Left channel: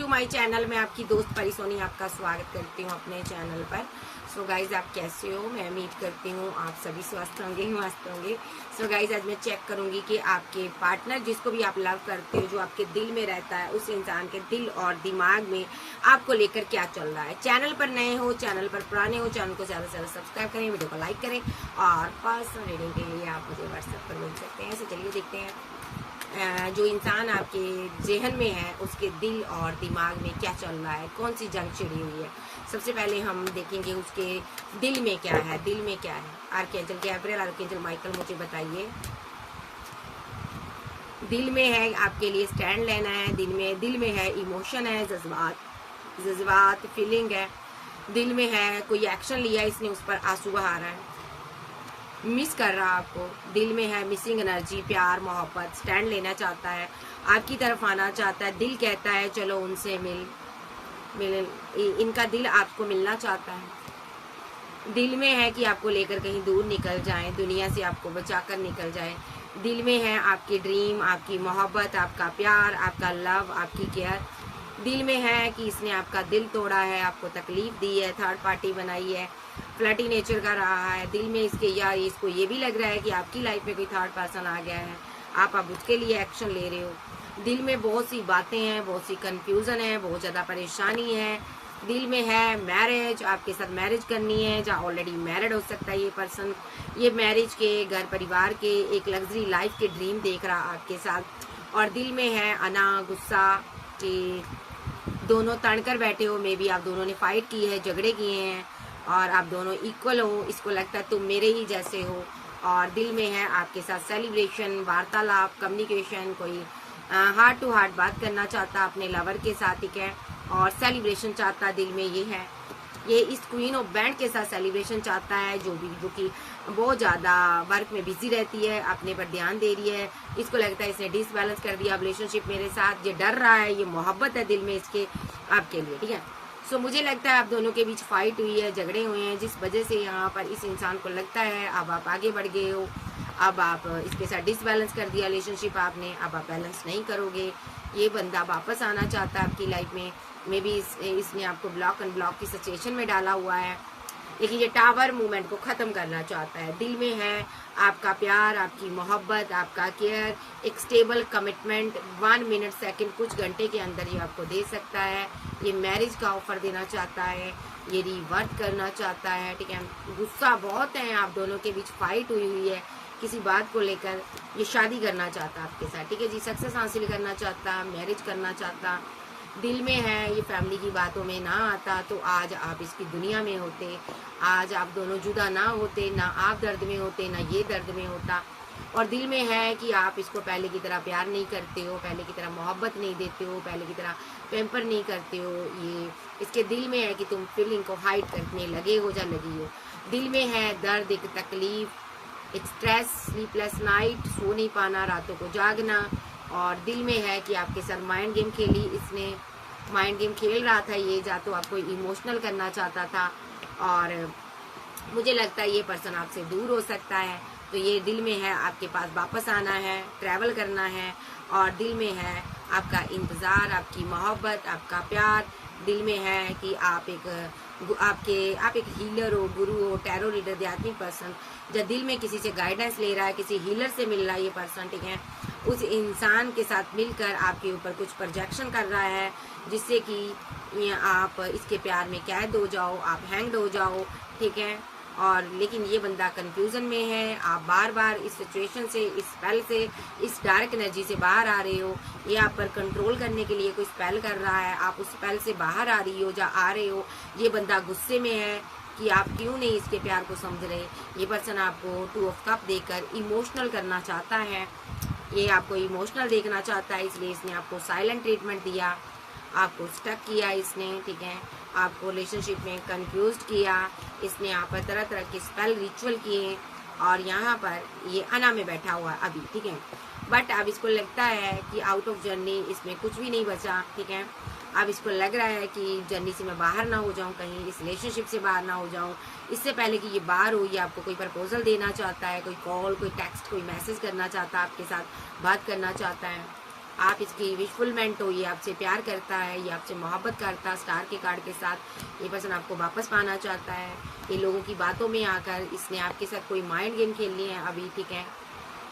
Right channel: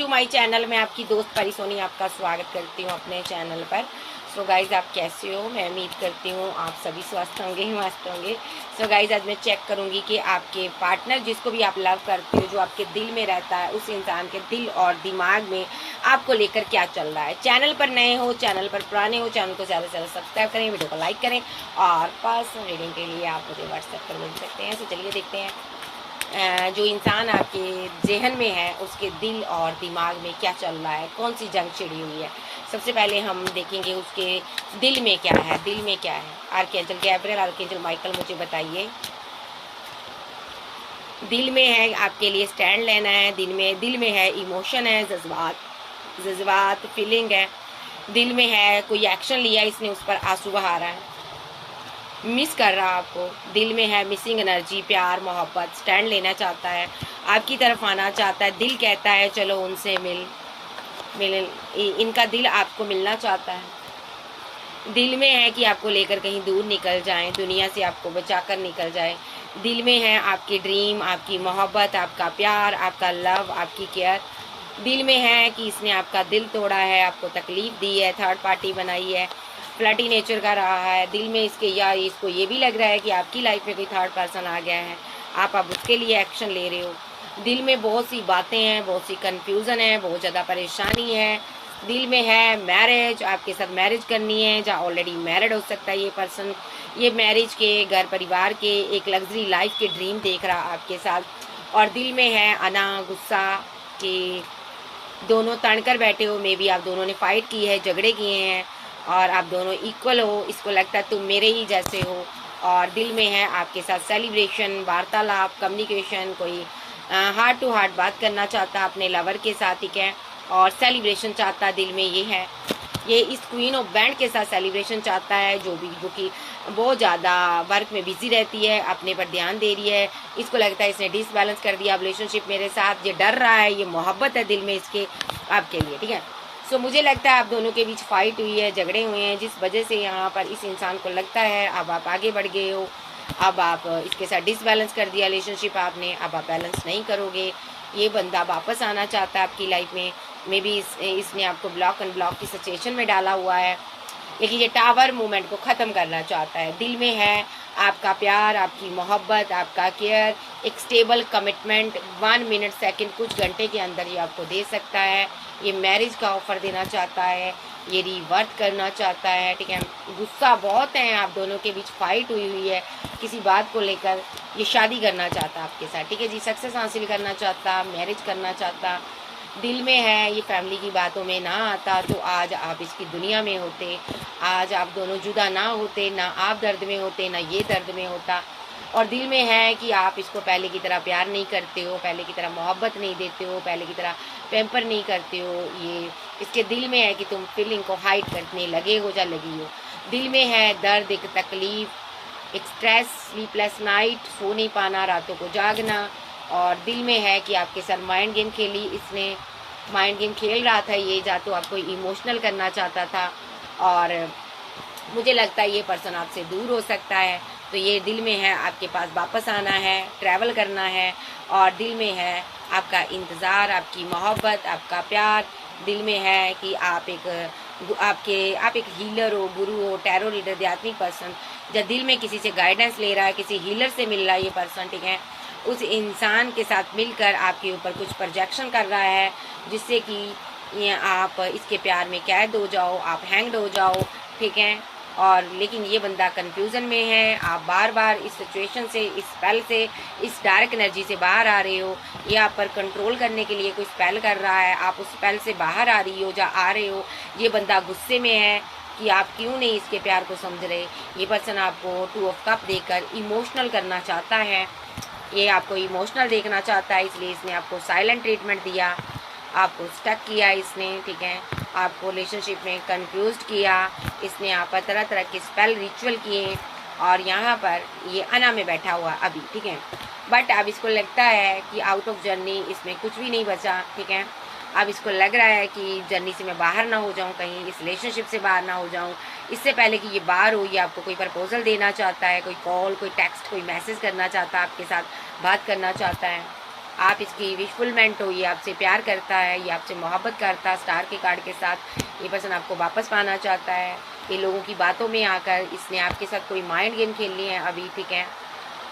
To my channel. मैं आपकी दोस्त परी सोनी आपका स्वागत करती हूँ अपने चैनल पर। सो गाइज़, आप कैसे हो? मैं उम्मीद करती हूँ आप सभी स्वस्थ होंगे ही मस्त होंगे। सो गाइज़, आज मैं चेक करूँगी कि आपके पार्टनर, जिसको भी आप लव करते हो, जो आपके दिल में रहता है, उस इंसान के दिल और दिमाग में आपको लेकर क्या चल रहा है। चैनल पर नए हो, चैनल पर पुराने हो, चैनल को ज़्यादा से ज़्यादा सब्सक्राइब करें, वीडियो को लाइक करें और पर्सनल रीडिंग के लिए आप मुझे व्हाट्सएप पर मिल सकते हैं। तो चलिए देखते हैं जो इंसान आपके जहन में है उसके दिल और दिमाग में क्या चल रहा है, कौन सी जंग छिड़ी हुई है। सबसे पहले हम देखेंगे उसके दिल में क्या है। दिल में क्या है? आर्कएंजल गैब्रियल, आर्कएंजल माइकल, मुझे बताइए दिल में है आपके लिए स्टैंड लेना है। दिल में है इमोशन है, जज्बात फीलिंग है। दिल में है कोई एक्शन लिया, इसने उस पर आंसू बहा रहा है, मिस कर रहा आपको। दिल में है मिसिंग एनर्जी, प्यार मोहब्बत, स्टैंड लेना चाहता है, आपकी तरफ आना चाहता है। दिल कहता है चलो उनसे मिल मिल इनका दिल आपको मिलना चाहता है। दिल में है कि आपको लेकर कहीं दूर निकल जाएं, दुनिया से आपको बचाकर निकल जाए। दिल में है आपकी ड्रीम, आपकी मोहब्बत, आपका प्यार, आपका लव, आपकी केयर। दिल में है कि इसने आपका दिल तोड़ा है, आपको तकलीफ दी है, थर्ड पार्टी बनाई है, फ्लर्टी नेचर का रहा है। दिल में इसके या इसको ये भी लग रहा है कि आपकी लाइफ में कोई थर्ड पर्सन आ गया है, आप अब उसके लिए एक्शन ले रहे हो। दिल में बहुत सी बातें हैं, बहुत सी कन्फ्यूज़न है, बहुत ज़्यादा परेशानी है। दिल में है मैरिज, आपके साथ मैरिज करनी है, जहाँ ऑलरेडी मैरिड हो सकता है ये पर्सन। ये मैरिज के, घर परिवार के, एक लग्जरी लाइफ के ड्रीम देख रहा आपके साथ। और दिल में है अना, गुस्सा कि दोनों तड़कर बैठे हो। मे बी आप दोनों ने फाइट की है, झगड़े किए हैं और आप दोनों इक्वल हो, इसको लगता है तुम मेरे ही जैसे हो। और दिल में है आपके साथ सेलिब्रेशन, वार्तालाप, कम्युनिकेशन, कोई हार्ट टू हार्ट बात करना चाहता अपने लवर के साथ, ठीक है, और सेलिब्रेशन चाहता दिल में ये है। ये इस क्वीन ऑफ बैंड के साथ सेलिब्रेशन चाहता है, जो कि बहुत ज़्यादा वर्क में बिजी रहती है, अपने पर ध्यान दे रही है। इसको लगता है इसने डिसबैलेंस कर दिया रिलेशनशिप मेरे साथ, ये डर रहा है, ये मोहब्बत है दिल में इसके आपके लिए, ठीक है। सो मुझे लगता है आप दोनों के बीच फाइट हुई है, झगड़े हुए हैं, जिस वजह से यहाँ पर इस इंसान को लगता है अब आप आगे बढ़ गए हो, अब आप इसके साथ डिसबैलेंस कर दिया रिलेशनशिप आपने, अब आप बैलेंस नहीं करोगे। ये बंदा वापस आना चाहता है आपकी लाइफ में। मे बी इसने आपको ब्लॉक अनब्लॉक की सिचुएशन में डाला हुआ है, लेकिन ये टावर मूवमेंट को ख़त्म करना चाहता है। दिल में है आपका प्यार, आपकी मोहब्बत, आपका केयर, एक स्टेबल कमिटमेंट 1 मिनट सेकंड कुछ घंटे के अंदर ये आपको दे सकता है। ये मैरिज का ऑफ़र देना चाहता है, ये रिवर्थ करना चाहता है, ठीक है। गुस्सा बहुत है, आप दोनों के बीच फाइट हुई है किसी बात को लेकर। ये शादी करना चाहता आपके साथ, ठीक है जी, सक्सेस हासिल करना चाहता, मैरिज करना चाहता। दिल में है ये फैमिली की बातों में ना आता तो आज आप इसकी दुनिया में होते, आज आप दोनों जुदा ना होते, ना आप दर्द में होते, ना ये दर्द में होता। और दिल में है कि आप इसको पहले की तरह प्यार नहीं करते हो, पहले की तरह मोहब्बत नहीं देते हो, पहले की तरह पैम्पर नहीं करते हो। ये इसके दिल में है कि तुम फीलिंग को हाइड करने लगे हो या लगी हो। दिल में है दर्द, एक तकलीफ, एक स्ट्रेस, स्लीपलेस नाइट, सो नहीं पाना, रातों को जागना। और दिल में है कि आपके साथ माइंड गेम खेली इसने, माइंड गेम खेल रहा था ये, या तो आपको इमोशनल करना चाहता था। और मुझे लगता है ये पर्सन आपसे दूर हो सकता है, तो ये दिल में है आपके पास वापस आना है, ट्रैवल करना है। और दिल में है आपका इंतज़ार, आपकी मोहब्बत, आपका प्यार। दिल में है कि आप एक हीलर हो, गुरु हो, टैरो रीडर, आध्यात्मिक पर्सन। जब दिल में किसी से गाइडेंस ले रहा है, किसी हीलर से मिल रहा है ये पर्सन, ठीक है, उस इंसान के साथ मिलकर आपके ऊपर कुछ प्रोजेक्शन कर रहा है, जिससे कि ये आप इसके प्यार में कैद हो जाओ, आप हैंग्ड हो जाओ, ठीक है। और लेकिन ये बंदा कंफ्यूजन में है, आप बार बार इस सिचुएशन से, इस स्पेल से, इस डार्क एनर्जी से बाहर आ रहे हो। ये आप पर कंट्रोल करने के लिए कोई स्पेल कर रहा है, आप उस स्पेल से बाहर आ रही हो या आ रहे हो। ये बंदा गुस्से में है कि आप क्यों नहीं इसके प्यार को समझ रहे। ये पर्सन आपको 2 ऑफ कप देकर इमोशनल करना चाहता है, ये आपको इमोशनल देखना चाहता है, इसलिए इसने आपको साइलेंट ट्रीटमेंट दिया, आपको स्टक किया इसने, ठीक है, आपको रिलेशनशिप में कंफ्यूज किया इसने, आप पर तरह तरह के स्पेल रिचुअल किए। और यहाँ पर ये अना में बैठा हुआ अभी, ठीक है। बट अब इसको लगता है कि आउट ऑफ जर्नी इसमें कुछ भी नहीं बचा, ठीक है। अब इसको लग रहा है कि जर्नी से मैं बाहर ना हो जाऊं, कहीं इस रिलेशनशिप से बाहर ना हो जाऊं। इससे पहले कि ये बाहर हो, ये आपको कोई प्रपोजल देना चाहता है, कोई कॉल, कोई टेक्स्ट, कोई मैसेज करना चाहता है, आपके साथ बात करना चाहता है। आप इसकी विशफुलमेंट हो, ये आपसे प्यार करता है, ये आपसे मोहब्बत करता है स्टार के कार्ड के साथ। ये पर्सन आपको वापस पाना चाहता है। ये लोगों की बातों में आकर इसने आपके साथ कोई माइंड गेम खेल लिए हैं अभी, ठीक है।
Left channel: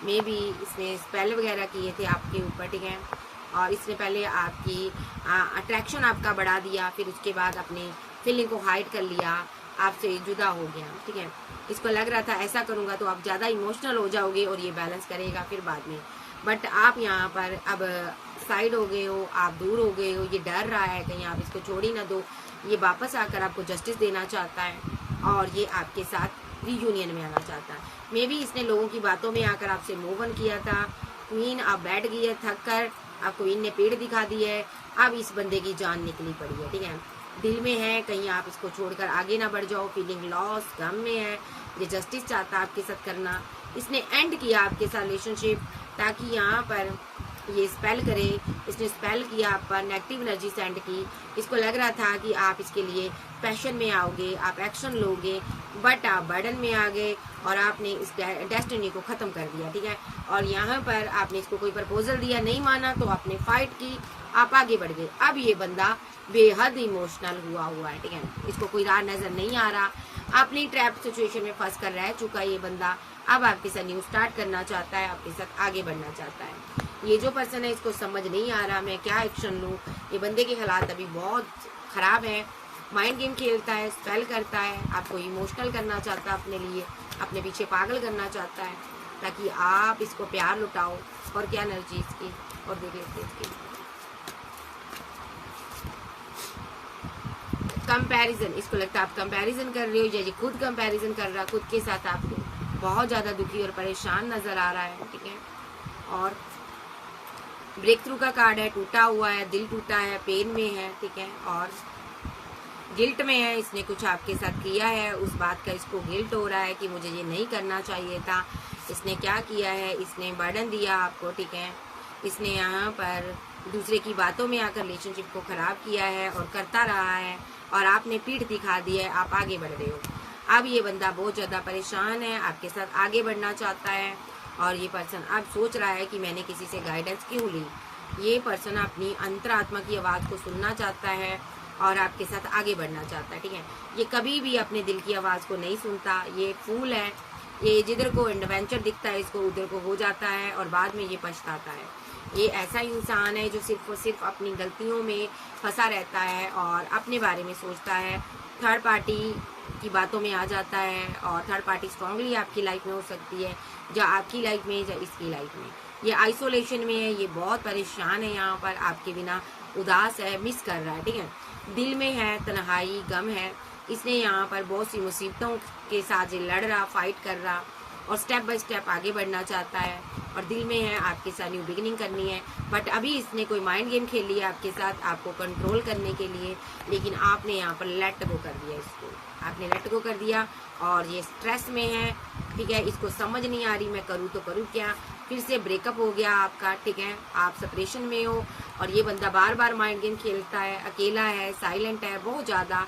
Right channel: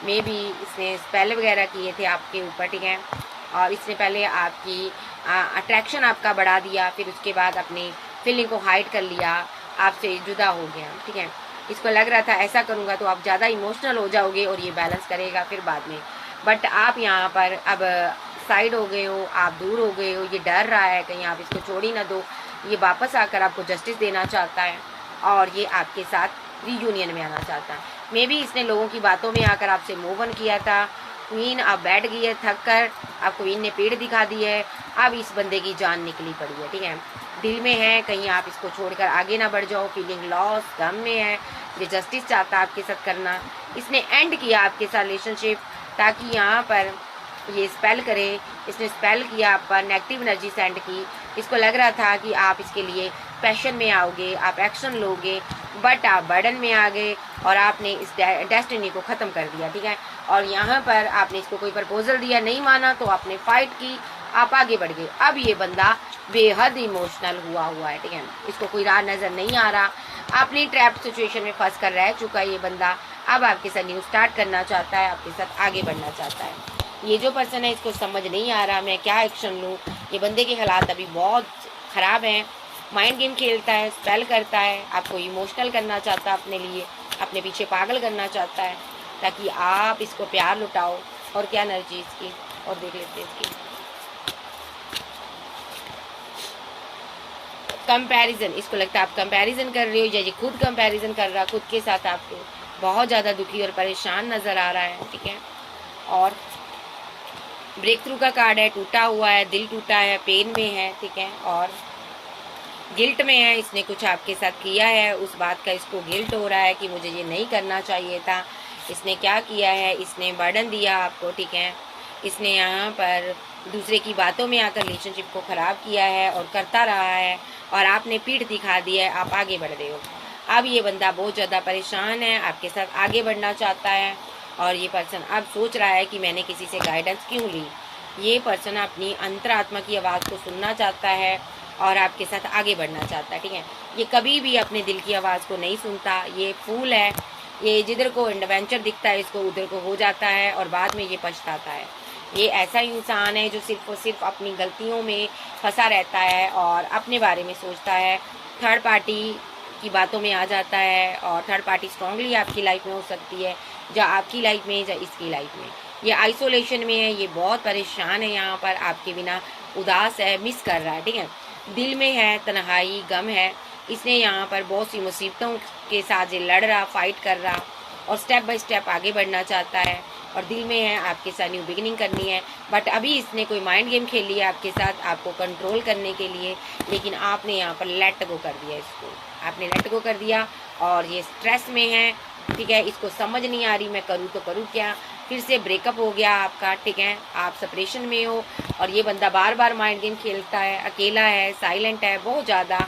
मे बी इसने स्पेल वगैरह किए थे आपके ऊपर, ठीक है। और इसने पहले आपकी अट्रैक्शन आपका बढ़ा दिया, फिर उसके बाद अपनी फीलिंग को हाइड कर लिया, आपसे जुदा हो गया, ठीक है। इसको लग रहा था ऐसा करूँगा तो आप ज़्यादा इमोशनल हो जाओगे और ये बैलेंस करेगा फिर बाद में, बट आप यहाँ पर अब साइड हो गए हो, आप दूर हो गए हो। ये डर रहा है कहीं आप इसको छोड़ ही ना दो। ये वापस आकर आपको जस्टिस देना चाहता है और ये आपके साथ रीयूनियन में आना चाहता है। मे बी इसने लोगों की बातों में आकर आपसे मूव ऑन किया था। क्वीन आप बैठ गई है थक कर, आप क्वीन ने पेड़ दिखा दी है, अब इस बंदे की जान निकली पड़ी है, ठीक है। दिल में है कहीं आप इसको छोड़कर आगे ना बढ़ जाओ, फीलिंग लॉस, गम में है, ये जस्टिस चाहता है आपके साथ करना। इसने एंड किया आपके साथ रिलेशनशिप ताकि यहाँ पर ये स्पेल करे। इसने स्पेल किया आप पर, नेगेटिव एनर्जी सेंड की। इसको लग रहा था कि आप इसके लिए पैशन में आओगे, आप एक्शन लोगे, बट आप बर्डन में आ गए और आपने इस डेस्टिनी को ख़त्म कर दिया, ठीक है। और यहाँ पर आपने इसको कोई प्रपोजल दिया, नहीं माना तो आपने फाइट की, आप आगे बढ़ गए। अब ये बंदा बेहद इमोशनल हुआ है, ठीक है। इसको कोई राह नज़र नहीं आ रहा, अपनी ट्रैप सिचुएशन में फंस कर रह चुका है ये बंदा। अब आपके साथ न्यू स्टार्ट करना चाहता है, आपके साथ आगे बढ़ना चाहता है। ये जो पर्सन है इसको समझ नहीं आ रहा मैं क्या एक्शन लूँ। ये बंदे के हालात अभी बहुत ख़राब हैं। माइंड गेम खेलता है, स्पेल करता है, आपको इमोशनल करना चाहता है अपने लिए, अपने पीछे पागल करना चाहता है ताकि आप इसको प्यार लुटाओ। और क्या एनर्जी इसकी और दे देते इसकी कंपैरिजन। इसको लगता है आप कंपैरिजन कर रहे हो या ये खुद कंपैरिजन कर रहा है खुद के साथ। आपको बहुत ज़्यादा दुखी और परेशान नज़र आ रहा है, ठीक है। और ब्रेक थ्रू का कार्ड है, टूटा हुआ है, दिल टूटा है, पेन में है, ठीक है। और गिल्ट में है, इसने कुछ आपके साथ किया है, उस बात का इसको गिल्ट हो रहा है कि मुझे ये नहीं करना चाहिए था। इसने क्या किया है, इसने बर्डन दिया आपको, ठीक है। इसने यहाँ पर दूसरे की बातों में आकर रिलेशनशिप को ख़राब किया है और करता रहा है और आपने पीठ दिखा दी है, आप आगे बढ़ रहे हो। अब ये बंदा बहुत ज़्यादा परेशान है, आपके साथ आगे बढ़ना चाहता है और ये पर्सन अब सोच रहा है कि मैंने किसी से गाइडेंस क्यों ली। ये पर्सन अपनी अंतरात्मा की आवाज़ को सुनना चाहता है और आपके साथ आगे बढ़ना चाहता है, ठीक है। ये कभी भी अपने दिल की आवाज़ को नहीं सुनता, ये फूल है, ये जिधर को एडवेंचर दिखता है इसको उधर को हो जाता है और बाद में ये पछताता है। ये ऐसा इंसान है जो सिर्फ और सिर्फ अपनी गलतियों में फंसा रहता है और अपने बारे में सोचता है, थर्ड पार्टी की बातों में आ जाता है और थर्ड पार्टी स्ट्रांगली आपकी लाइफ में हो सकती है, या आपकी लाइफ में या इसकी लाइफ में। ये आइसोलेशन में है, ये बहुत परेशान है, यहाँ पर आपके बिना उदास है, मिस कर रहा है, ठीक है। दिल में है तन्हाई, गम है। इसने यहाँ पर बहुत सी मुसीबतों के साथ ये लड़ रहा, फाइट कर रहा और स्टेप बाय स्टेप आगे बढ़ना चाहता है। और दिल में है आपके साथ न्यू बिगिनिंग करनी है, बट अभी इसने कोई माइंड गेम खेल लिया आपके साथ आपको कंट्रोल करने के लिए, लेकिन आपने यहाँ पर लेट गो कर दिया, इसको आपने लेट गो कर दिया और ये स्ट्रेस में है, ठीक है। इसको समझ नहीं आ रही मैं करूँ तो करूँ क्या। फिर से ब्रेकअप हो गया आपका, ठीक है, आप सेपरेशन में हो और ये बंदा बार बार माइंड गेम खेलता है, अकेला है, साइलेंट है, बहुत ज़्यादा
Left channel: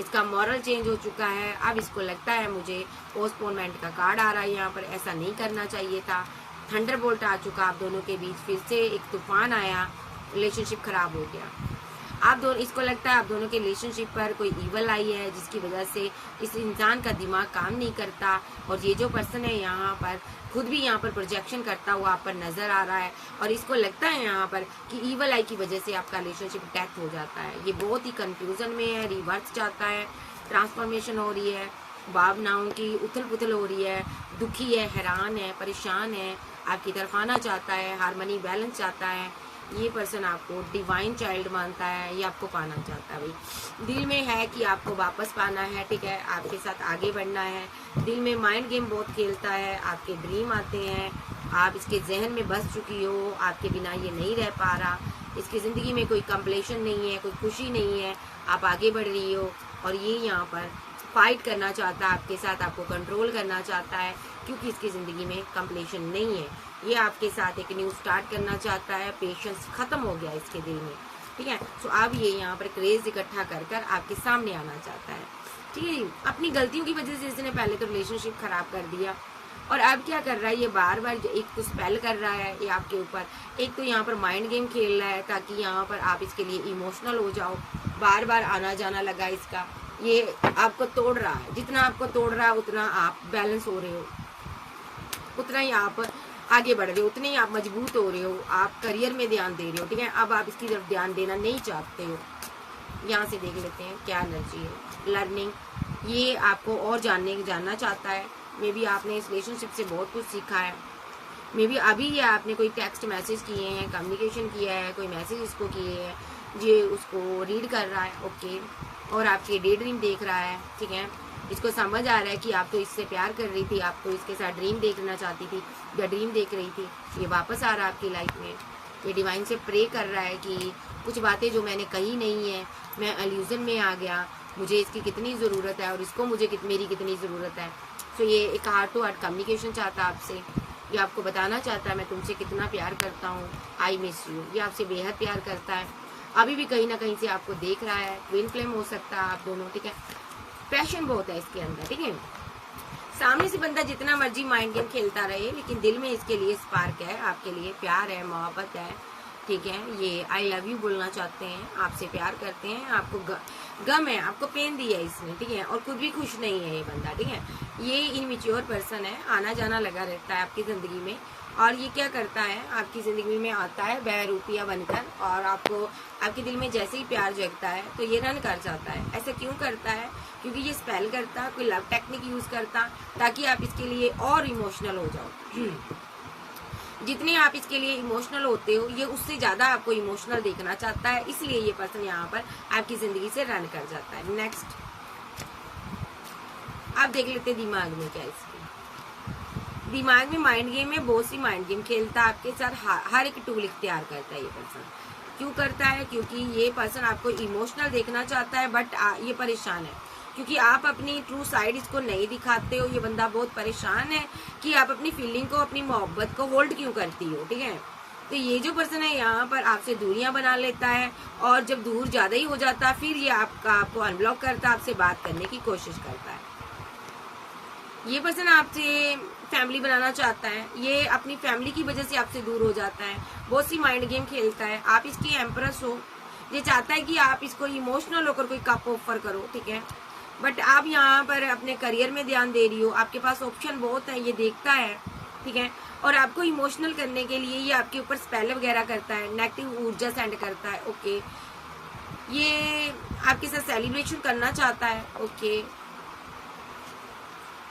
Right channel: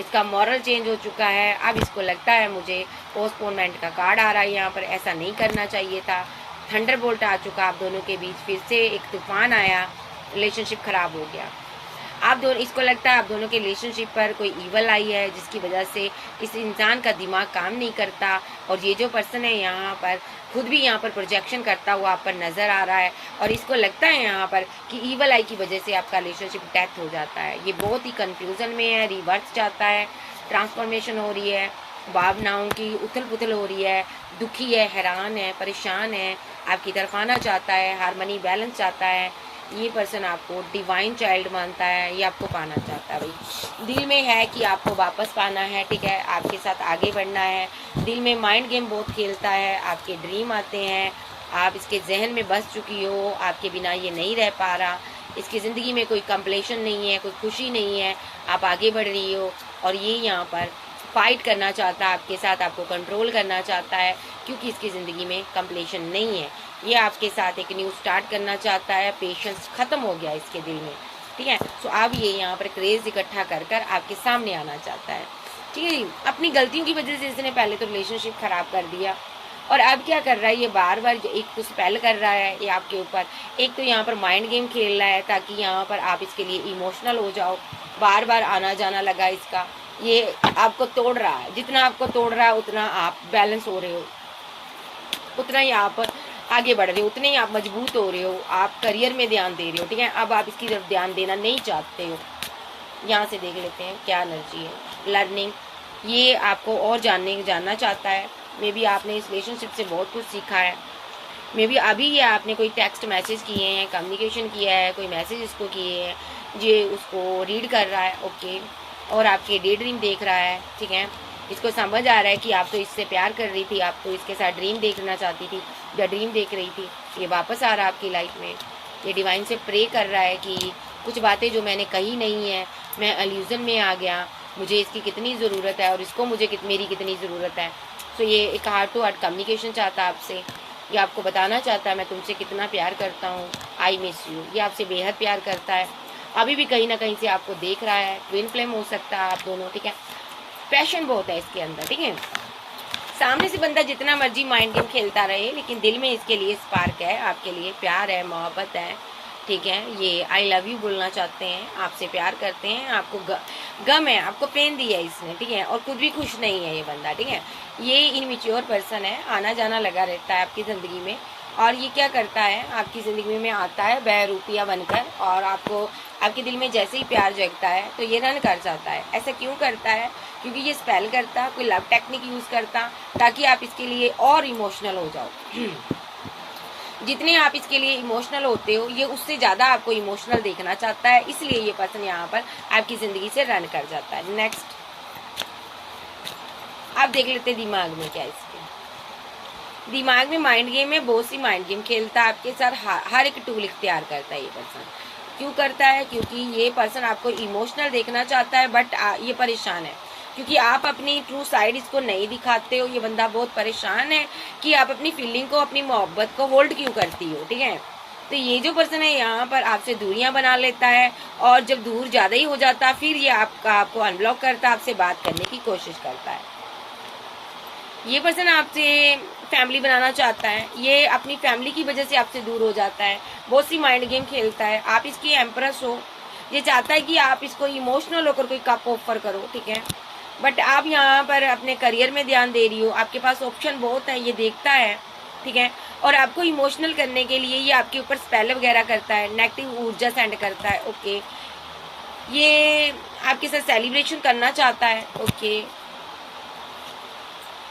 इसका मॉरल चेंज हो चुका है। अब इसको लगता है मुझे पोस्टपोनमेंट का कार्ड आ रहा है, यहाँ पर ऐसा नहीं करना चाहिए था। थंडरबोल्ट आ चुका आप दोनों के बीच, फिर से एक तूफान आया, रिलेशनशिप खराब हो गया। आप दोनों, इसको लगता है आप दोनों के रिलेशनशिप पर कोई ईवल आई है जिसकी वजह से इस इंसान का दिमाग काम नहीं करता और ये जो पर्सन है यहाँ पर खुद भी यहाँ पर प्रोजेक्शन करता हुआ आप पर नज़र आ रहा है और इसको लगता है यहाँ पर कि ईवल आई की वजह से आपका रिलेशनशिप डेथ हो जाता है। ये बहुत ही कन्फ्यूज़न में है, रिवर्स चाहता है, ट्रांसफॉर्मेशन हो रही है, भावनाओं की उथल पुथल हो रही है, दुखी है, हैरान है, परेशान है, आपकी तरफ आना चाहता है, हारमोनी बैलेंस चाहता है। ये पर्सन आपको डिवाइन चाइल्ड मानता है, ये आपको पाना चाहता है भाई। दिल में है कि आपको वापस पाना है, ठीक है, आपके साथ आगे बढ़ना है। दिल में माइंड गेम बहुत खेलता है, आपके ड्रीम आते हैं, आप इसके जहन में बस चुकी हो, आपके बिना ये नहीं रह पा रहा, इसकी ज़िंदगी में कोई कंप्लेशन नहीं है, कोई खुशी नहीं है, आप आगे बढ़ रही हो और ये यहाँ पर फाइट करना चाहता है आपके साथ, आपको कंट्रोल करना चाहता है क्योंकि इसकी ज़िंदगी में कंप्लेशन नहीं है। ये आपके साथ एक न्यू स्टार्ट करना चाहता है, पेशेंस ख़त्म हो गया इसके दिल में, ठीक है। सो अब ये यहाँ पर क्रेज़ इकट्ठा कर कर आपके सामने आना चाहता है, ठीक है जी। अपनी गलतियों की वजह से इसने पहले तो रिलेशनशिप ख़राब कर दिया और अब क्या कर रहा है, ये बार बार एक तो स्पेल कर रहा है ये आपके ऊपर, एक तो यहाँ पर माइंड गेम खेल रहा है ताकि यहाँ पर आप इसके लिए इमोशनल हो जाओ। बार बार आना जाना लगा इसका, ये आपको तोड़ रहा है। जितना आपको तोड़ रहा है उतना आप बैलेंस हो रहे हो, उतना ही आप आगे बढ़ रहे हो, उतने ही आप मजबूत हो रहे हो, आप करियर में ध्यान दे रहे हो। ठीक है, अब आप इसकी तरफ ध्यान देना नहीं चाहते हो। यहाँ से देख लेते हैं क्या एनर्जी है। लर्निंग, ये आपको और जानना चाहता है। मे बी आपने इस रिलेशनशिप से बहुत कुछ सीखा है। मे बी अभी ये आपने कोई टेक्स्ट मैसेज किए हैं, कम्युनिकेशन किया है, कोई मैसेज इसको किए हैं, ये उसको रीड कर रहा है। ओके, और आपके डे ड्रीम देख रहा है। ठीक है, इसको समझ आ रहा है कि आप तो इससे प्यार कर रही थी, आप तो इसके साथ ड्रीम देखना चाहती थी या ड्रीम देख रही थी। ये वापस आ रहा है आपकी लाइफ में। ये डिवाइन से प्रे कर रहा है कि कुछ बातें जो मैंने कही नहीं है, मैं इल्यूजन में आ गया, मुझे इसकी कितनी ज़रूरत है और इसको मेरी कितनी ज़रूरत है। सो ये एक हार्ट टू हार्ट कम्युनिकेशन चाहता है आपसे। ये आपको बताना चाहता है मैं तुमसे कितना प्यार करता हूँ, आई मिस यू। ये आपसे बेहद प्यार करता है, अभी भी कहीं ना कहीं से आपको देख रहा है। ट्विन फ्लेम हो सकता है आप दोनों। ठीक है, पैशन बहुत है इसके अंदर। ठीक है, सामने से बंदा जितना मर्जी माइंड गेम खेलता रहे, लेकिन दिल में इसके लिए स्पार्क है, आपके लिए प्यार है, मोहब्बत है। ठीक है, ये आई लव यू बोलना चाहते हैं, आपसे प्यार करते हैं, आपको गम है, आपको पेन दिया है इसने। ठीक है, और खुद भी खुश नहीं है ये बंदा। ठीक है, ये इनमेच्योर पर्सन है, आना जाना लगा रहता है आपकी ज़िंदगी में। और ये क्या करता है, आपकी ज़िंदगी में आता है बहरूपिया बनकर, और आपको आपके दिल में जैसे ही प्यार जगता है तो ये रन कर जाता है। ऐसा क्यों करता है, क्योंकि ये स्पेल करता, कोई लव टेक्निक यूज़ करता ताकि आप इसके लिए और इमोशनल हो जाओ। जितने आप इसके लिए इमोशनल होते हो, ये उससे ज़्यादा आपको इमोशनल देखना चाहता है, इसलिए ये पर्सन यहाँ पर आपकी ज़िंदगी से रन कर जाता है। नेक्स्ट आप देख लेते हैं दिमाग में क्या इसके दिमाग में माइंड गेम में बहुत सी माइंड गेम खेलता है आपके साथ, हर एक टूल इख्तियार करता है ये पर्सन। क्यों करता है, क्योंकि ये पर्सन आपको इमोशनल देखना चाहता है, बट ये परेशान है क्योंकि आप अपनी ट्रू साइड इसको नहीं दिखाते हो। ये बंदा बहुत परेशान है कि आप अपनी फीलिंग को, अपनी मोहब्बत को होल्ड क्यों करती हो। ठीक है, तो ये जो पर्सन है यहाँ पर आपसे दूरियां बना लेता है, और जब दूर ज़्यादा ही हो जाता है फिर ये आपको अनब्लॉक करता है, आपसे बात करने की कोशिश करता है। ये पर्सन आपसे फैमिली बनाना चाहता है, ये अपनी फैमिली की वजह से आपसे दूर हो जाता है, बहुत सी माइंड गेम खेलता है। आप इसकी एम्प्रेस हो, ये चाहता है कि आप इसको इमोशनल होकर कोई कप ऑफर करो। ठीक है, बट आप यहाँ पर अपने करियर में ध्यान दे रही हो, आपके पास ऑप्शन बहुत है, ये देखता है। ठीक है, और आपको इमोशनल करने के लिए ये आपके ऊपर स्पेल वगैरह करता है, नेगेटिव ऊर्जा सेंड करता है। ओके, ये आपके साथ सेलिब्रेशन करना चाहता है। ओके,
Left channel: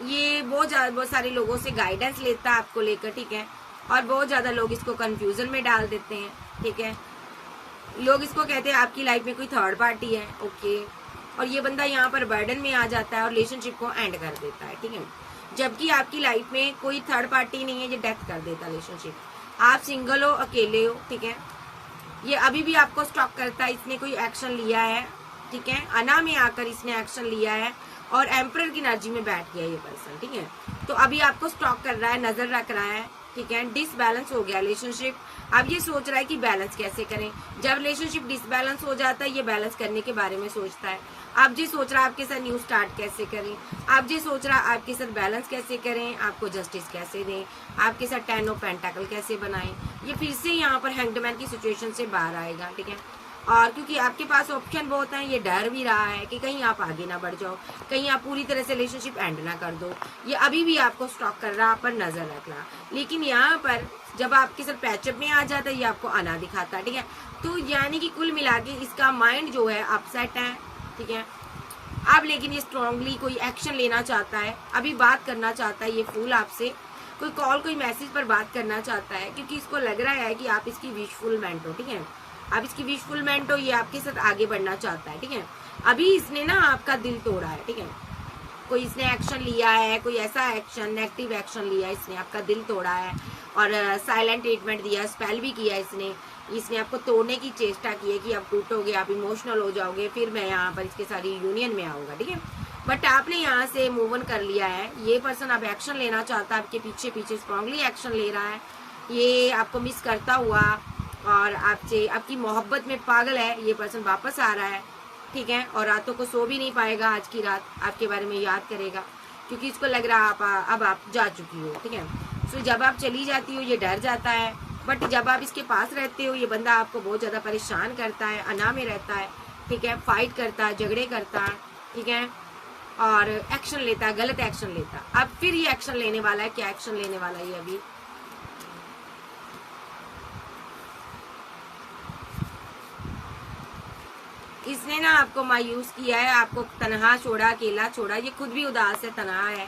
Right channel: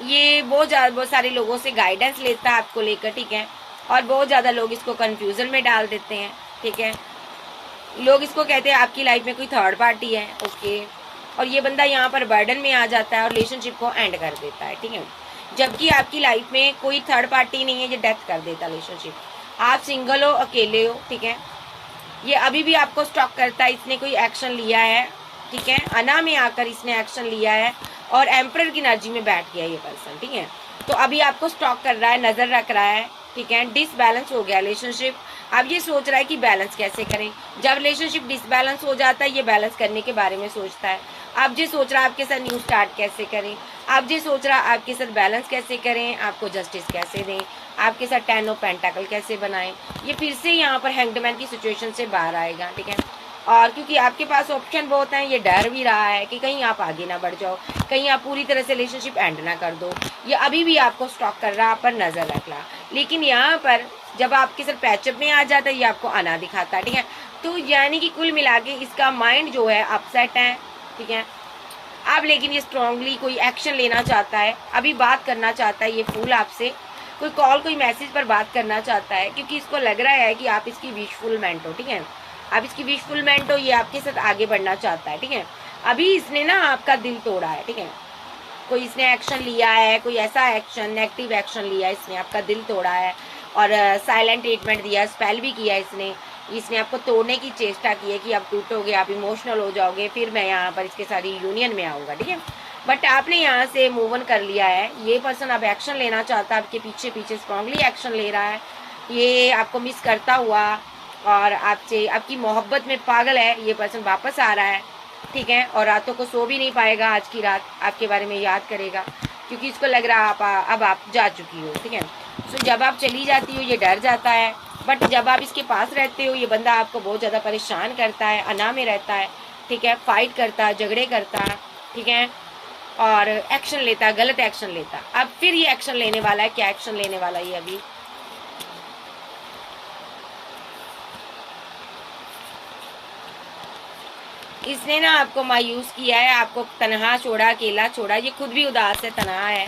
ये बहुत सारे लोगों से गाइडेंस लेता है आपको लेकर। ठीक है, और बहुत ज़्यादा लोग इसको कंफ्यूजन में डाल देते हैं। ठीक है, लोग इसको कहते हैं आपकी लाइफ में कोई थर्ड पार्टी है। ओके, और ये बंदा यहाँ पर बर्डन में आ जाता है और रिलेशनशिप को एंड कर देता है। ठीक है, जबकि आपकी लाइफ में कोई थर्ड पार्टी नहीं है, ये डेथ कर देता है रिलेशनशिप। आप सिंगल हो, अकेले हो। ठीक है, ये अभी भी आपको स्टॉक करता है, इसने कोई एक्शन लिया है। ठीक है, अना में आकर इसने एक्शन लिया है और एम्परर की एनर्जी में बैठ गया ये पर्सन। ठीक है, तो अभी आपको स्टॉक कर रहा है, नजर रख रहा है। ठीक है, डिसबैलेंस हो गया रिलेशनशिप। अब ये सोच रहा है कि बैलेंस कैसे करें। जब रिलेशनशिप डिसबैलेंस हो जाता है, ये बैलेंस करने के बारे में सोचता है। आप ये सोच रहा है आपके साथ न्यू स्टार्ट कैसे करें, आप ये सोच रहा है आपके साथ बैलेंस कैसे करें, आपको जस्टिस कैसे दें, आपके साथ 10 ऑफ पेंटाकल कैसे बनाएं। ये फिर से यहाँ पर हैंगडमैन की सिचुएशन से बाहर आएगा। ठीक है, और क्योंकि आपके पास ऑप्शन बहुत हैं, ये डर भी रहा है कि कहीं आप आगे ना बढ़ जाओ, कहीं आप पूरी तरह से रिलेशनशिप एंड ना कर दो। ये अभी भी आपको स्टॉक कर रहा है, आप पर नजर रख रहा, लेकिन यहाँ पर जब आपके साथ पैचअप में आ जाता है ये आपको आना दिखाता है। ठीक है, तो यानी कि कुल मिला के इसका माइंड जो है अपसेट है। ठीक है, अब लेकिन ये स्ट्रांगली कोई एक्शन लेना चाहता है, अभी बात करना चाहता है ये फूल आपसे, कोई कॉल कोई मैसेज पर बात करना चाहता है, क्योंकि इसको लग रहा है कि आप इसकी विशफुलमेंट हो। ठीक है, आप इसकी विशफुलमेंट हो, ये आपके साथ आगे बढ़ना चाहता है। ठीक है, अभी इसने ना आपका दिल तोड़ा है। ठीक है, कोई इसने एक्शन लिया है, कोई ऐसा एक्शन, नेगेटिव एक्शन लिया है, इसने आपका दिल तोड़ा है और साइलेंट ट्रीटमेंट दिया, स्पेल भी किया इसने आपको तोड़ने की चेष्टा की है कि आप टूटोगे, आप इमोशनल हो जाओगे, फिर मैं यहाँ पर इसके साथ यूनियन में आऊँगा। ठीक है, बट आपने यहाँ से मूव ऑन कर लिया है। ये पर्सन अब एक्शन लेना चाहता है, आपके पीछे पीछे स्ट्रांगली एक्शन ले रहा है। ये आपको मिस करता हुआ और आपसे आपकी मोहब्बत में पागल है, ये पर्सन वापस आ रहा है। ठीक है, और रातों को सो भी नहीं पाएगा, आज की रात आपके बारे में याद करेगा, क्योंकि इसको लग रहा अब आप जा चुकी हो, ठीक है। सो जब आप चली जाती हो ये डर जाता है, बट जब आप इसके पास रहते हो ये बंदा आपको बहुत ज़्यादा परेशान करता है, अना में रहता है, ठीक है, फाइट करता है, झगड़े करता है, ठीक है, और एक्शन लेता है, गलत एक्शन लेता है। अब फिर ये एक्शन लेने वाला है, क्या एक्शन लेने वाला है ये अभी, इसने ना आपको मायूस किया है, आपको तनहा छोड़ा, अकेला छोड़ा, ये खुद भी उदास है, तनहा है।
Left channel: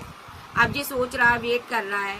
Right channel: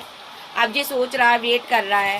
अब ये सोच रहा है, वेट कर रहा है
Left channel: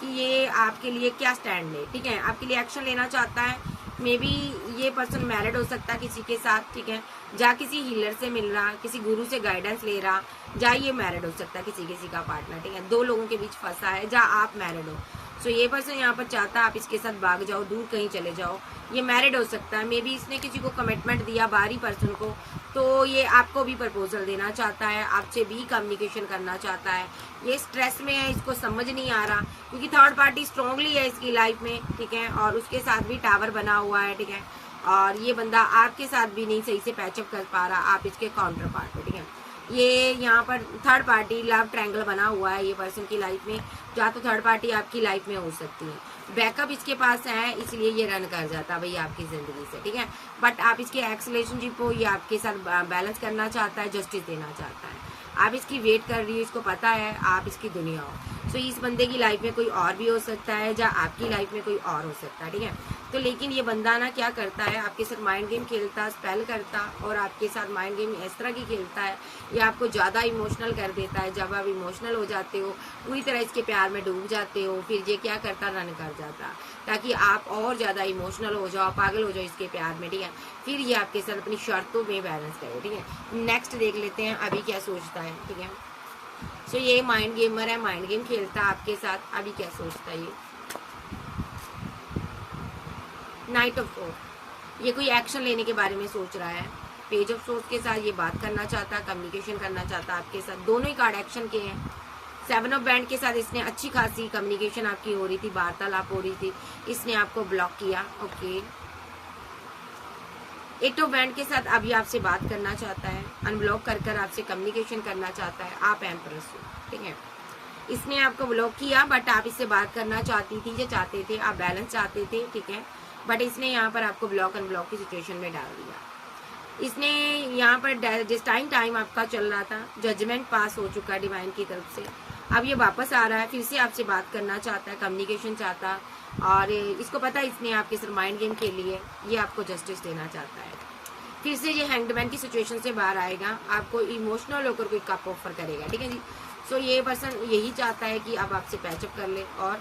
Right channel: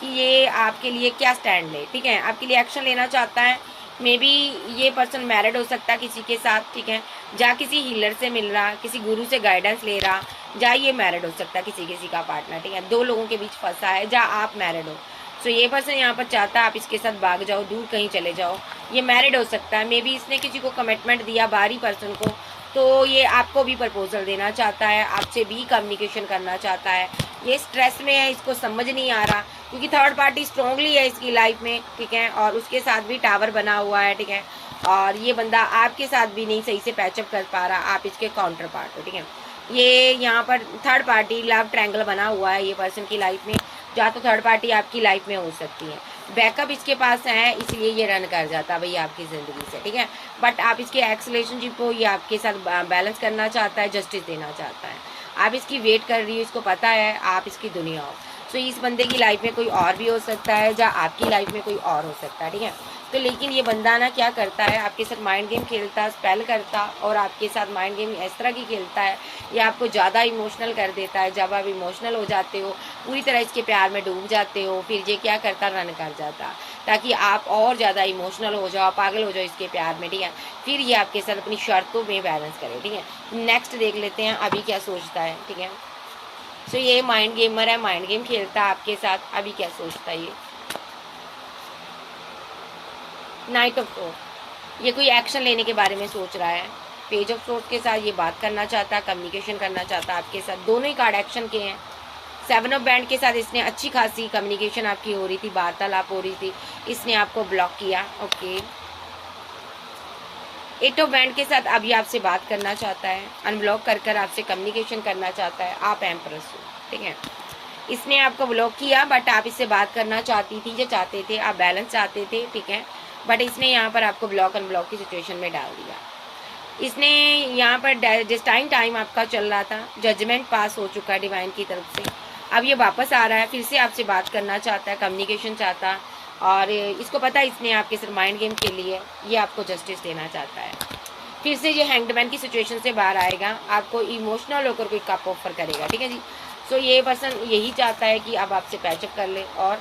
कि ये आपके लिए क्या स्टैंड ले, ठीक है, आपके लिए एक्शन लेना चाहता है। मे बी ये पर्सन मैरिड हो सकता है किसी के साथ, ठीक है, जा किसी हीलर से मिल रहा, किसी गुरु से गाइडेंस ले रहा, जा ये मैरिड हो सकता है किसी का पार्टनर, ठीक है, दो लोगों के बीच फंसा है, जा आप मैरिड हो। सो ये पर्सन यहाँ पर चाहता है आप इसके साथ भाग जाओ, दूर कहीं चले जाओ। ये मैरिड हो सकता है, मे बी इसने किसी को कमिटमेंट दिया बाहरी पर्सन को, तो ये आपको भी प्रपोजल देना चाहता है, आपसे भी कम्युनिकेशन करना चाहता है। ये स्ट्रेस में है, इसको समझ नहीं आ रहा, क्योंकि थर्ड पार्टी स्ट्रांगली है इसकी लाइफ में, ठीक है, और उसके साथ भी टावर बना हुआ है, ठीक है, और ये बंदा आपके साथ भी नहीं सही से पैचअप कर पा रहा, आप इसके काउंटर पार्ट हो, ठीक है। ये यहाँ पर थर्ड पार्टी लव ट्रायंगल बना हुआ है ये पर्सन की लाइफ में, जहाँ तो थर्ड पार्टी आपकी लाइफ में हो सकती है। बैकअप इसके पास है, इसलिए ये रन कर जाता है भैया आपकी ज़िंदगी से, ठीक है, बट आप इसके एक्स रिलेशनशिप को ये आपके साथ बैलेंस करना चाहता है, जस्टिस देना चाहता है। आप इसकी वेट कर रही हो, इसको पता है आप इसकी दुनिया हो। सो इस बंदे की लाइफ में कोई और भी हो सकता है, या आपकी लाइफ में कोई और हो सकता है, ठीक है। तो लेकिन ये बंदा ना क्या करता है, आपके साथ माइंड गेम खेलता, स्पेल करता, और आपके साथ माइंड गेम इस तरह की खेलता है, ये आपको ज़्यादा इमोशनल कर देता है। जब आप इमोशनल हो जाते हो, पूरी तरह इसके प्यार में डूब जाते हो, फिर ये क्या करता, रन कर जाता, ताकि आप और ज़्यादा इमोशनल हो जाओ, पागल हो जाओ इसके प्यार में, ठीक है। फिर ये आपके साथ अपनी शर्तों में बैलेंस करे, ठीक है। नेक्स्ट देख लेते हैं अभी क्या सोचता है, ठीक है। सो ये माइंड गेमर है, माइंड गेम खेलता है आपके साथ, अभी क्या सोचता है ये। नाइट ऑफ सोर्ड्स, ये कोई एक्शन लेने के बारे में सोच रहा है। पेज ऑफ सोर्ड्स के साथ ये बात करना चाहता है, कम्युनिकेशन करना चाहता है आपके साथ, दोनों ही कार्ड एक्शन के हैं। सेवन ऑफ बैंड के साथ इसने अच्छी खासी कम्युनिकेशन आपकी हो रही थी, वार्तालाप हो रही थी, इसने आपको ब्लॉक किया, ओके। एट ऑफ बैंड के साथ अभी आपसे बात करना चाहता है, अनब्लॉक कर कर आपसे कम्युनिकेशन करना चाहता है, आप एम्प्रेस हो, ठीक है। इसने आपको ब्लॉक किया, बट आप इससे बात करना चाहती थी या चाहते थे, आप बैलेंस चाहते थे, ठीक है, बट इसने यहाँ पर आपको ब्लॉक अनब्लॉक की सिचुएशन में डाल दिया। इसने यहाँ पर जिस टाइम आपका चल रहा था, जजमेंट पास हो चुका है डिवाइन की तरफ से, अब ये वापस आ रहा है, फिर से आपसे बात करना चाहता है, कम्युनिकेशन चाहता, और इसको पता है इसने आपके सिर्फ माइंड गेम खेली है, ये आपको जस्टिस देना चाहता है। फिर से ये हैंग्ड मैन की सिचुएशन से बाहर आएगा, आपको इमोशनल होकर कोई कप ऑफर करेगा, ठीक है जी। सो ये पर्सन यही चाहता है कि अब आपसे पैचअप कर ले, और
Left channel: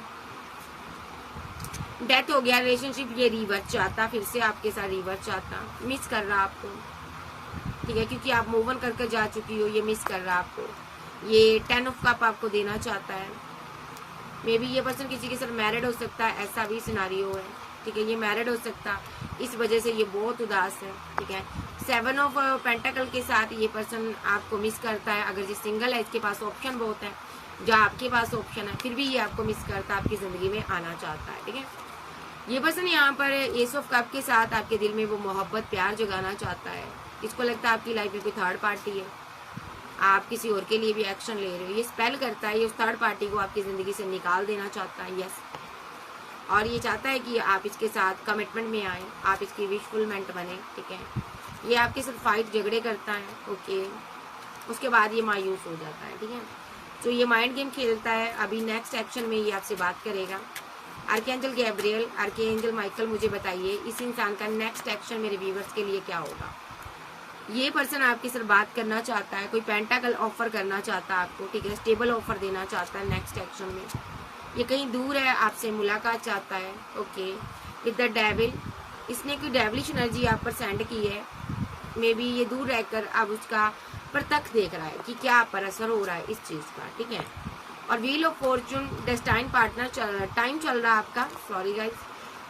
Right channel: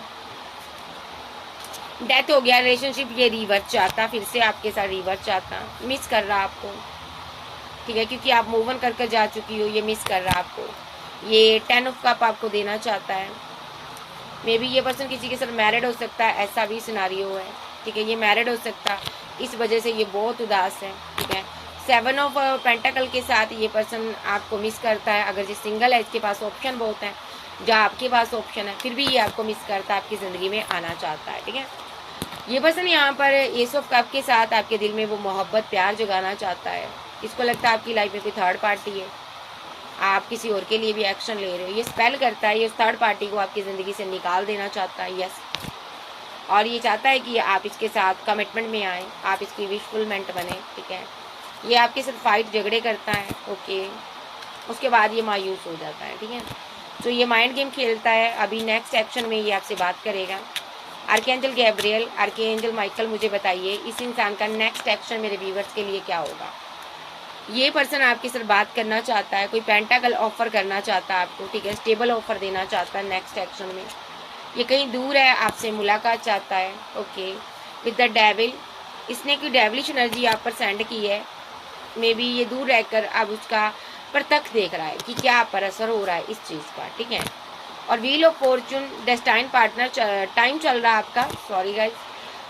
डेथ हो गया रिलेशनशिप, ये रिवर्स चाहता, फिर से आपके साथ रिवर्स चाहता, मिस कर रहा आपको, ठीक है, क्योंकि आप मूव ऑन करके जा चुकी हो, ये मिस कर रहा आपको। ये 10 ऑफ कप आपको देना चाहता है। मे बी ये पर्सन किसी के साथ मैरिड हो सकता है, ऐसा भी सिनारियो है, ठीक है, ये मैरिड हो सकता, इस वजह से ये बहुत उदास है, ठीक है। 7 ऑफ पेंटाकल के साथ ये पर्सन आपको मिस करता है। अगर ये सिंगल है, इसके पास ऑप्शन बहुत है, जहाँ आपके पास ऑप्शन है, फिर भी ये आपको मिस करता है, आपकी ज़िंदगी में आना चाहता है, ठीक है। ये पर्सन यहाँ पर एस ऑफ कप के साथ आपके दिल में वो मोहब्बत, प्यार जगाना चाहता है। इसको लगता है आपकी लाइफ में कोई थर्ड पार्टी है, आप किसी और के लिए भी एक्शन ले रहे हो। ये स्पेल करता है, ये उस थर्ड पार्टी को आपकी ज़िंदगी से निकाल देना चाहता है, यस, और ये चाहता है कि आप इसके साथ कमिटमेंट में आए, आप इसकी विशफुलमेंट बने, ठीक है। ये आपके साथ फाइट झगड़े करता है, ओके, उसके बाद ये मायूस हो जाता है, ठीक है। तो ये माइंड गेम खेलता है। अभी नेक्स्ट एक्शन में ये आपसे बात करेगा। आर्कएंजल गैब्रियल, आर्कएंजल माइकल, मुझे बताइए इस इंसान का नेक्स्ट एक्शन मेरे व्यूवर्स के लिए क्या होगा। ये पर्सन आपके साथ बात करना चाहता है, कोई पेंटाकल ऑफर करना चाहता है आपको, ठीक है, स्टेबल ऑफर देना चाहता है नेक्स्ट एक्शन में। ये कहीं दूर है, आपसे मुलाकात चाहता है, ओके। विद द डेविल, इसने कोई डेविलिश एनर्जी आप पर सेंड की है। मे बी ये दूर रहकर अब उसका प्रत्यक्ष देख रहा है कि क्या आप पर असर हो रहा है इस चीज़ का, ठीक है। और wheel of Fortune, destined partner time चल रहा है आपका, सॉरी गाइस।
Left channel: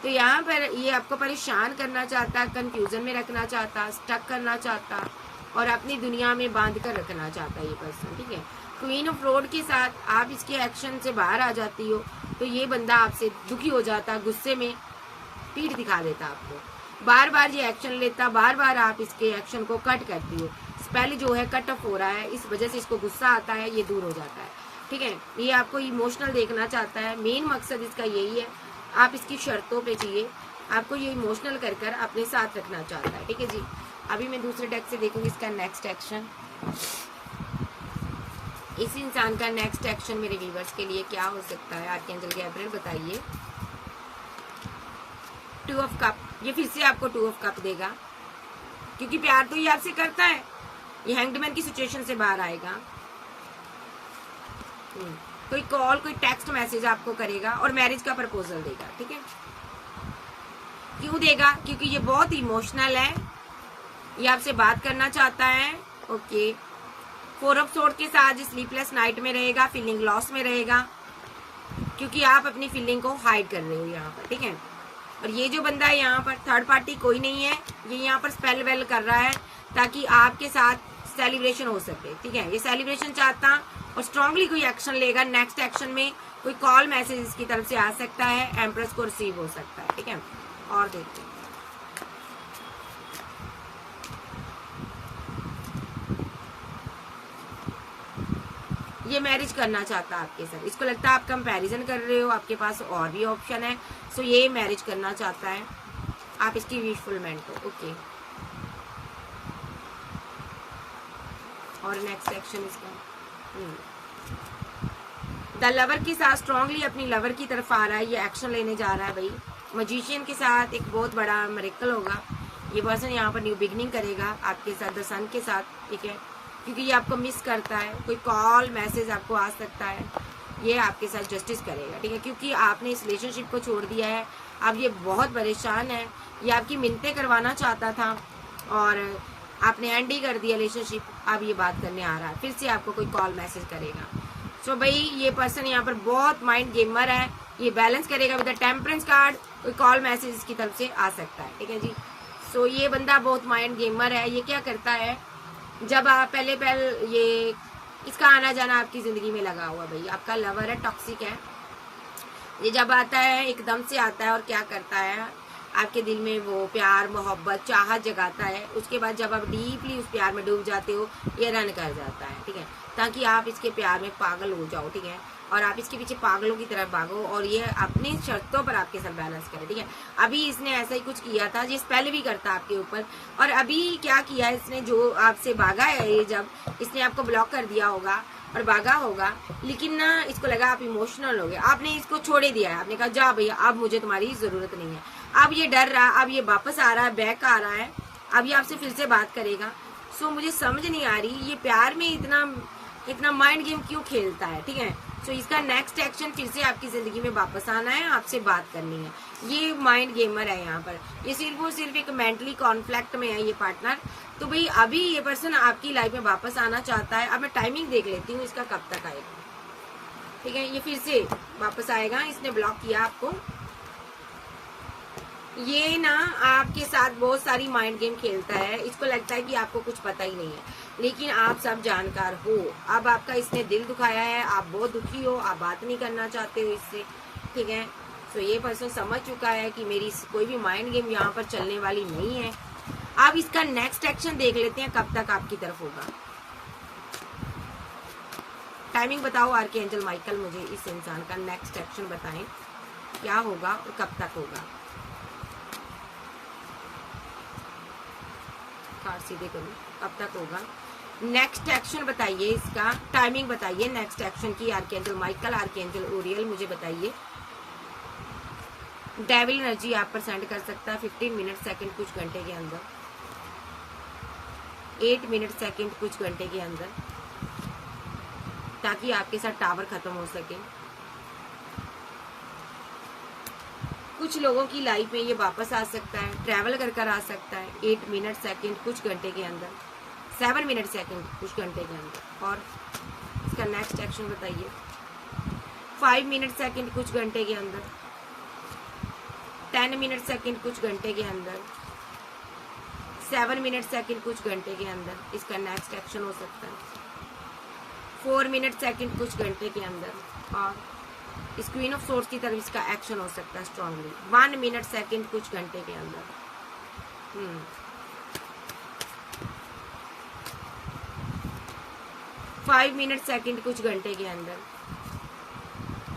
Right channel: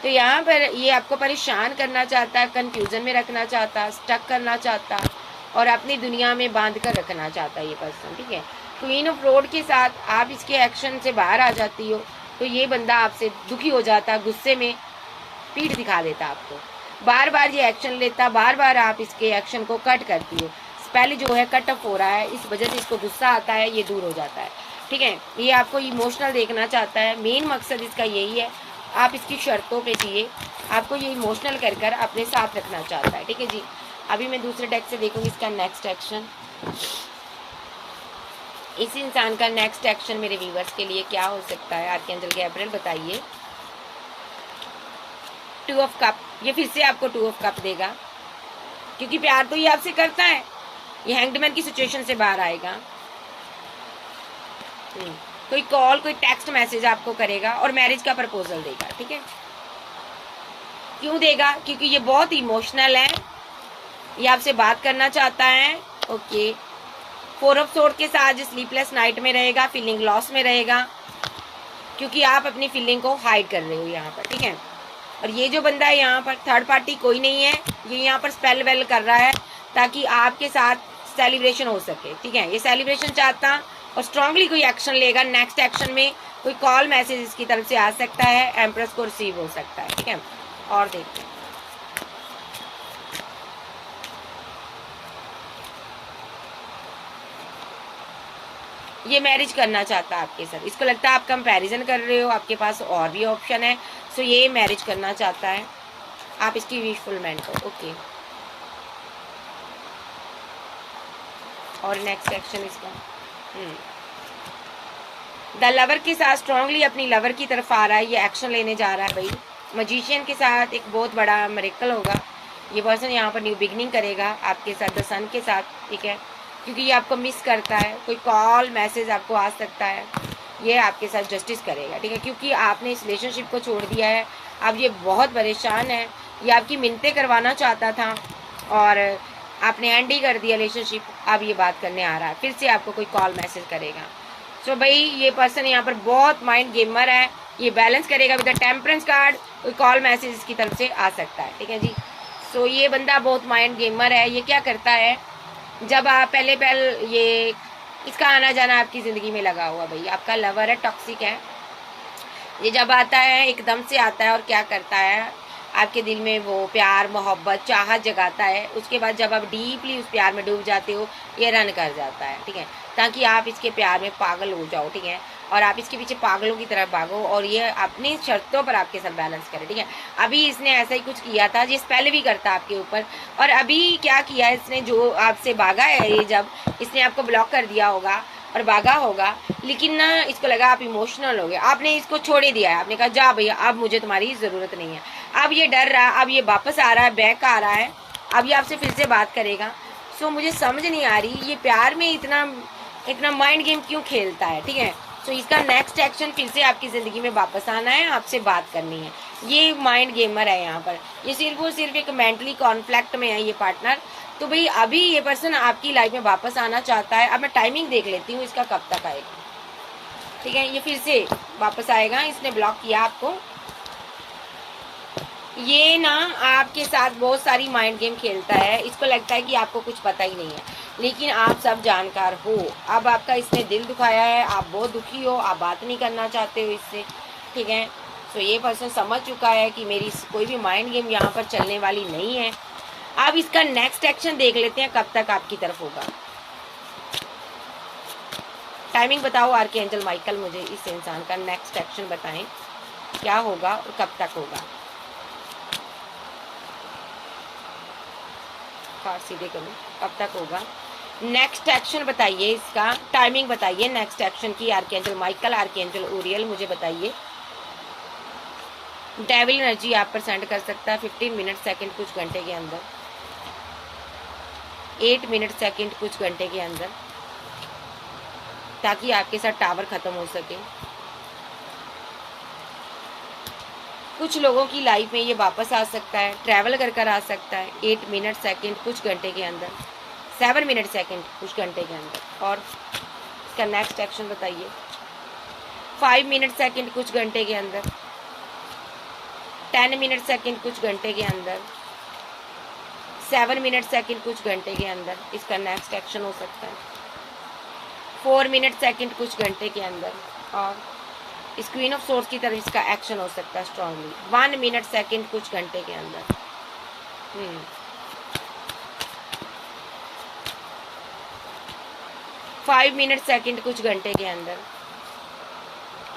तो यहाँ पर ये आपको परेशान करना चाहता है, कन्फ्यूज़न में रखना चाहता, स्टक करना चाहता, और अपनी दुनिया में बांध कर रखना चाहता है ये पर्सन, ठीक है। क्वीन ऑफ रोड के साथ आप इसके एक्शन से बाहर आ जाती हो, तो ये बंदा आपसे दुखी हो जाता, गुस्से में पीठ दिखा देता आपको, बार बार ये एक्शन लेता, बार बार आप इसके एक्शन को कट करती हो। स्पेल जो है कट ऑफ हो रहा है, इस वजह से इसको गुस्सा आता है, ये दूर हो जाता है। ठीक है, ये आपको इमोशनल देखना चाहता है, मेन मकसद इसका यही है। आप इसकी शर्तों पे जिए, आपको ये इमोशनल कर कर अपने साथ रखना चाहता है। ठीक है जी, अभी मैं दूसरे डेक से देखूंगी इसका नेक्स्ट एक्शन। इस इंसान का नेक्स्ट एक्शन मेरे व्यूवर्स के लिए क्या हो सकता है, आर्कएंजल गैब्रियल बताइए। 2 ऑफ कप, ये फिर से आपको 2 ऑफ कप देगा, क्योंकि प्यार तो ये आपसे करता है। ये हैंगडमैन की सिचुएशन से बाहर आएगा। कोई कॉल, कोई टेक्स्ट मैसेज आपको करेगा और मैरिज का प्रपोजल देगा। ठीक है, क्यों देगा? क्योंकि ये बहुत इमोशनल है, ये आपसे बात करना चाहता है। ओके, 4 ऑफ सोर्ड के साथ स्लीपलेस नाइट में रहेगा, फीलिंग लॉस में रहेगा, क्योंकि आप अपनी फीलिंग को हाइड कर रहे हो यहाँ पर। ठीक है, और ये जो बंदा है यहाँ पर थर्ड पार्टी कोई नहीं है, ये यहाँ पर स्पेल वेल कर रहा है ताकि आपके साथ सेलिब्रेशन हो सके। ठीक है, ये सेलिब्रेशन चाहता और स्ट्रांगली कोई एक्शन लेगा। नेक्स्ट एक्शन में कोई कॉल मैसेज इसकी तरफ से आ सकता है, एम्प्रेस को रिसीव हो सकता है। ठीक है, और देखते हैं। ये मैरिज करना चाहता है आपके साथ, इसको लगता है आप कंपैरिजन कर रहे हो, आपके पास और भी ऑप्शन है, सो ये मैरिज करना चाहता है। आप इसकी विश फुलफिल करो। ओके, और नेक्स्ट एक्शन इसका द लवर के साथ स्ट्रांगली अपनी लवर की तरफ आ रहा है, ये एक्शन लेने जा रहा है भाई। मजिशियन के साथ एक बहुत बड़ा मिरेकल होगा, ये पर्सन यहाँ पर न्यू बिगनिंग करेगा आपके साथ द सन के साथ। ठीक है, क्योंकि ये आपको मिस करता है, कोई कॉल मैसेज आपको आ सकता है, ये आपके साथ जस्टिस करेगा। ठीक है, क्योंकि आपने इस रिलेशनशिप को छोड़ दिया है, अब ये बहुत परेशान है, ये आपकी मिन्नतें करवाना चाहता था और आपने एंड ही कर दिया रिलेशनशिप। अब ये बात करने आ रहा है, फिर से आपको कोई कॉल मैसेज करेगा। सो भाई ये पर्सन यहाँ पर बहुत माइंड गेमर है, ये बैलेंस करेगा विद द टेम्परेंस कार्ड, कोई कॉल मैसेज इसकी तरफ से आ सकता है। ठीक है जी, सो ये बंदा बहुत माइंड गेमर है। ये क्या करता है, जब आप पहले ये इसका आना जाना आपकी ज़िंदगी में लगा हुआ भाई, आपका लवर है, टॉक्सिक है, ये जब आता है एकदम से आता है और क्या करता है, आपके दिल में वो प्यार मोहब्बत चाहत जगाता है। उसके बाद जब आप डीपली उस प्यार में डूब जाते हो, ये रन कर जाता है। ठीक है, ताकि आप इसके प्यार में पागल हो जाओ। ठीक है, और आप इसके पीछे पागलों की तरह भागो और ये अपनी शर्तों पर आपके साथ बैलेंस करे। ठीक है, अभी इसने ऐसा ही कुछ किया था, जिस पहले भी करता आपके ऊपर, और अभी क्या किया इसने, जो आपसे भागा है, ये जब इसने आपको ब्लॉक कर दिया होगा और भागा होगा, लेकिन ना इसको लगा आप इमोशनल हो गए, आपने इसको छोड़े दिया है, आपने कहा जा भैया अब मुझे तुम्हारी ज़रूरत नहीं है। अब ये डर रहा, अब ये वापस आ रहा है, बैक आ रहा है, अब ये आपसे फिर से बात करेगा। सो मुझे समझ नहीं आ रही ये प्यार में इतना माइंड गेम क्यों खेलता है। ठीक है, सो इसका नेक्स्ट एक्शन फिर से आपकी ज़िंदगी में वापस आना है, आपसे बात करनी है। ये माइंड गेमर है यहाँ पर, ये सिर्फ और सिर्फ एक मेंटली कॉन्फ्लिक्ट में है ये पार्टनर। तो भाई अभी ये पर्सन आपकी लाइफ में वापस आना चाहता है। अब मैं टाइमिंग देख लेती हूँ इसका कब तक आएगा। ठीक है, ये फिर से वापस आएगा, इसने ब्लॉक किया आपको। ये ना आपके साथ बहुत सारी माइंड गेम खेलता है, इसको लगता है कि आपको कुछ पता ही नहीं है, लेकिन आप सब जानकार हो। अब आपका इसने दिल दुखाया है, आप बहुत दुखी हो, आप बात नहीं करना चाहते हो इससे। ठीक है, सो ये पर्सन समझ चुका है कि मेरी कोई भी माइंड गेम यहाँ पर चलने वाली नहीं है। अब इसका नेक्स्ट एक्शन देख लेते हैं कब तक आपकी तरफ होगा। टाइमिंग बताओ आर्कएंजल माइकल, मुझे इस इंसान का नेक्स्ट एक्शन बताएं, क्या होगा और कब तक होगा। कार्ड सीधे करूं, कब तक होगा, नेक्स्ट एक्शन बताइए, इसका टाइमिंग बताइए नेक्स्ट एक्शन की। आर्कएंजल माइकल, आर्कएंजल ओरियल, मुझे बताइए। डेविल एनर्जी आप पर सेंड कर सकता है 15 मिनट सेकंड कुछ घंटे के अंदर, 8 मिनट सेकंड कुछ घंटे के अंदर, ताकि आपके साथ टावर खत्म हो सके। कुछ लोगों की लाइफ में ये वापस आ सकता है, ट्रैवल कर आ सकता है 8 मिनट सेकंड कुछ घंटे के अंदर, 7 मिनट सेकंड कुछ घंटे के अंदर। और इसका नेक्स्ट एक्शन बताइए। 5 मिनट सेकंड कुछ घंटे के अंदर, 10 मिनट सेकंड कुछ घंटे के अंदर, 7 मिनट सेकंड कुछ घंटे के अंदर इसका नेक्स्ट एक्शन हो सकता है। 4 मिनट सेकंड कुछ घंटे के अंदर, और इस क्वीन ऑफ सोर्स की तरफ इसका एक्शन हो सकता है स्ट्रांगली 1 मिनट सेकंड कुछ घंटे के अंदर। 5 मिनट सेकंड कुछ घंटे के अंदर,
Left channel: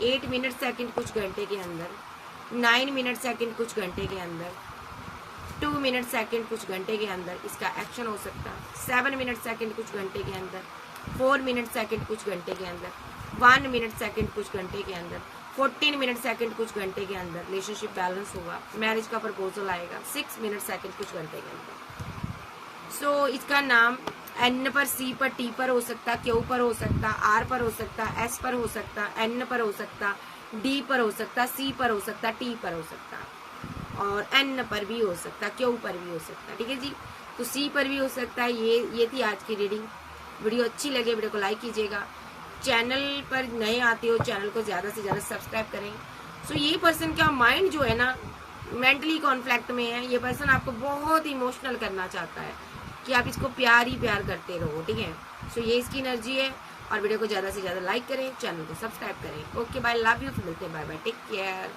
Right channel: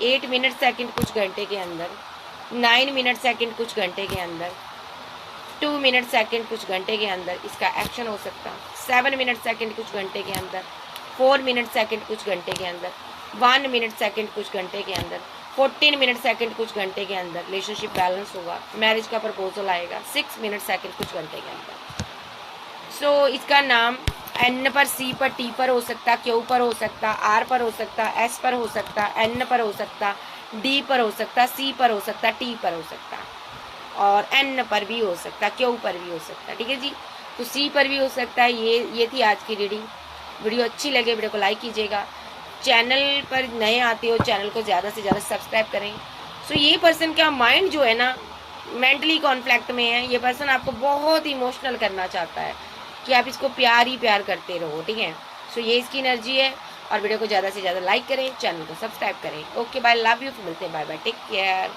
8 मिनट सेकंड कुछ घंटे के अंदर, 9 मिनट सेकंड कुछ घंटे के अंदर, 2 मिनट सेकंड कुछ घंटे के अंदर इसका एक्शन हो सकता है। 7 मिनट सेकंड कुछ घंटे के अंदर, 4 मिनट सेकंड कुछ घंटे के अंदर, 1 मिनट सेकंड कुछ घंटे के अंदर, 14 मिनट सेकंड कुछ घंटे के अंदर रिलेशनशिप बैलेंस होगा, मैरिज का प्रपोजल आएगा 6 मिनट सेकंड कुछ घंटे के अंदर। सो इसका नाम एन पर, सी पर, टी पर हो सकता, क्यू पर हो सकता, आर पर हो सकता, एस पर हो सकता, एन पर हो सकता, डी पर हो सकता, सी पर हो सकता, टी पर हो सकता और एन पर भी हो सकता, क्यू पर भी हो सकता। ठीक है जी, तो सी पर भी हो सकता है। ये थी आज की रीडिंग। वीडियो अच्छी लगे वीडियो को लाइक कीजिएगा। चैनल पर नए आते हो चैनल को ज़्यादा से ज़्यादा सब्सक्राइब करें। सो ये पर्सन का माइंड जो है ना मेंटली कॉन्फ्लिक्ट में है। ये पर्सन आपको बहुत इमोशनल करना चाहता है कि आप इसको प्यार ही प्यार करते रहो। ठीक है, सो ये इसकी एनर्जी है। और वीडियो को ज़्यादा से ज़्यादा लाइक करें, चैनल को सब्सक्राइब करें। ओके बाय, लव यू, मिलते हैं, बाय बाय, टेक केयर।